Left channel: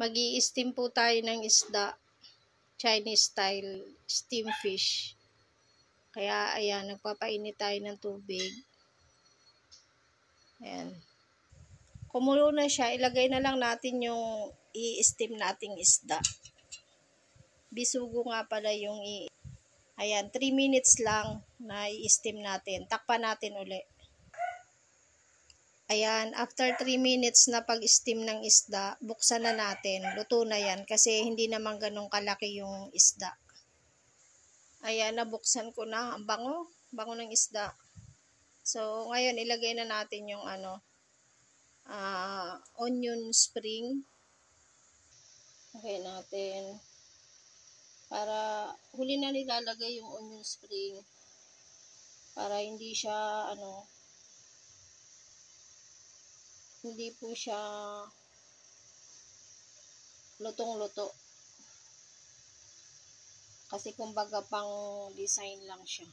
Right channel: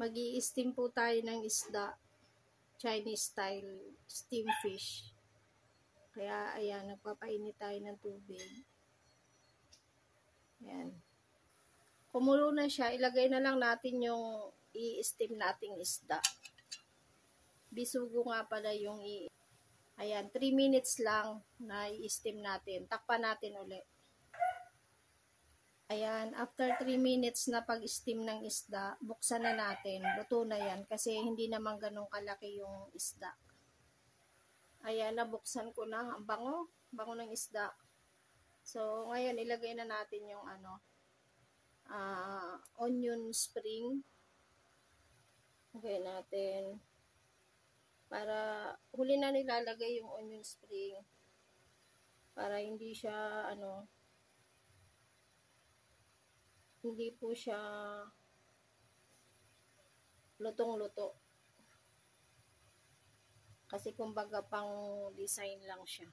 Mag-i-steam po tayo ng isda. Chinese style steam fish. Kaya ayan, nagpapainit tayo ng tubig. Ayan. Kumulo na siya, ilagay na lang natin yung i-steam nating isda. Bisugo nga pala yung ayan, 3 minutes lang na i-steam natin. Takpan natin uli. Ayan, after 3 minutes na pag-steam ng isda, buksan na natin. Luto na yan kasi hindi naman ganun kalaki yung isda. Ayan, nabuksan ko na. Ang bango. Bango ng isda. So, ngayon ilagay na natin yung onion spring. Okay natin. Para huli na nilalagay yung onion spring. Para hindi siya hindi po siya lutong-luto. Kasi kumbaga pang design lang siya.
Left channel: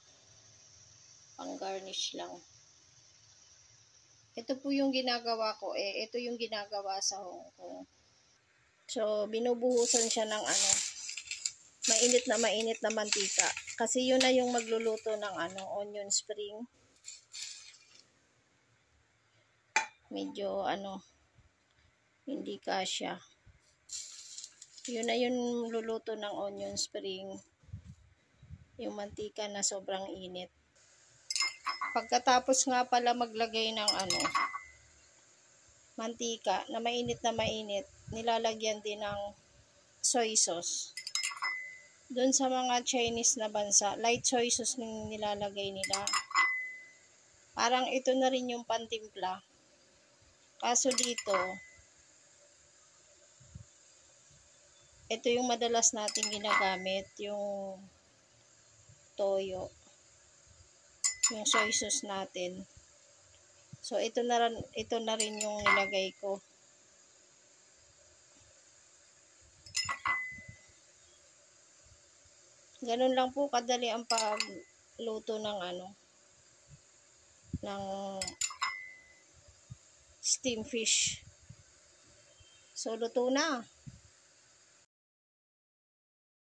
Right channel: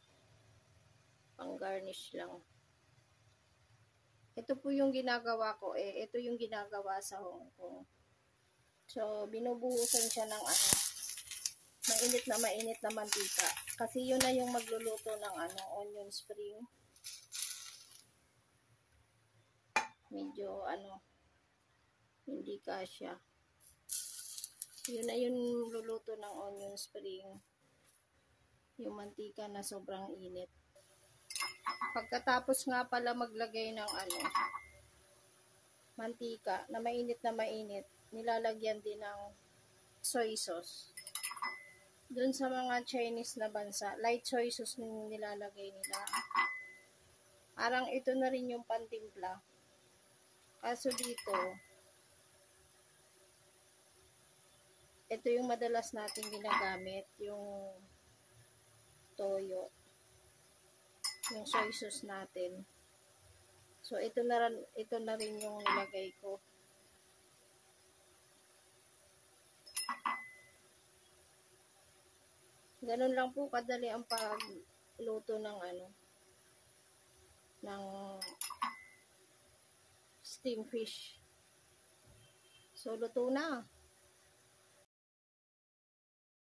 Pang garnish lang. Ito po yung ginagawa ko. Ito yung ginagawa sa Hong Kong. So, binubuhusan siya ng mainit na mantika. Kasi yun na yung magluluto ng onion spring. Medyo hindi kasya. Yun na yung luluto ng onion spring. Yung mantika na sobrang init. Pagkatapos nga pala maglagay ng mantika na mainit, nilalagyan din ng soy sauce. Doon sa mga Chinese na bansa, light soy sauce nilalagay nila. Parang ito na rin yung pantimpla. Kaso dito, ito yung madalas natin ginagamit, yung toyo. Yung soy sauce natin. So, ito na rin yung nilagay ko. Ganun lang po kadali ang pagluto ng ng steam fish. So, luto na.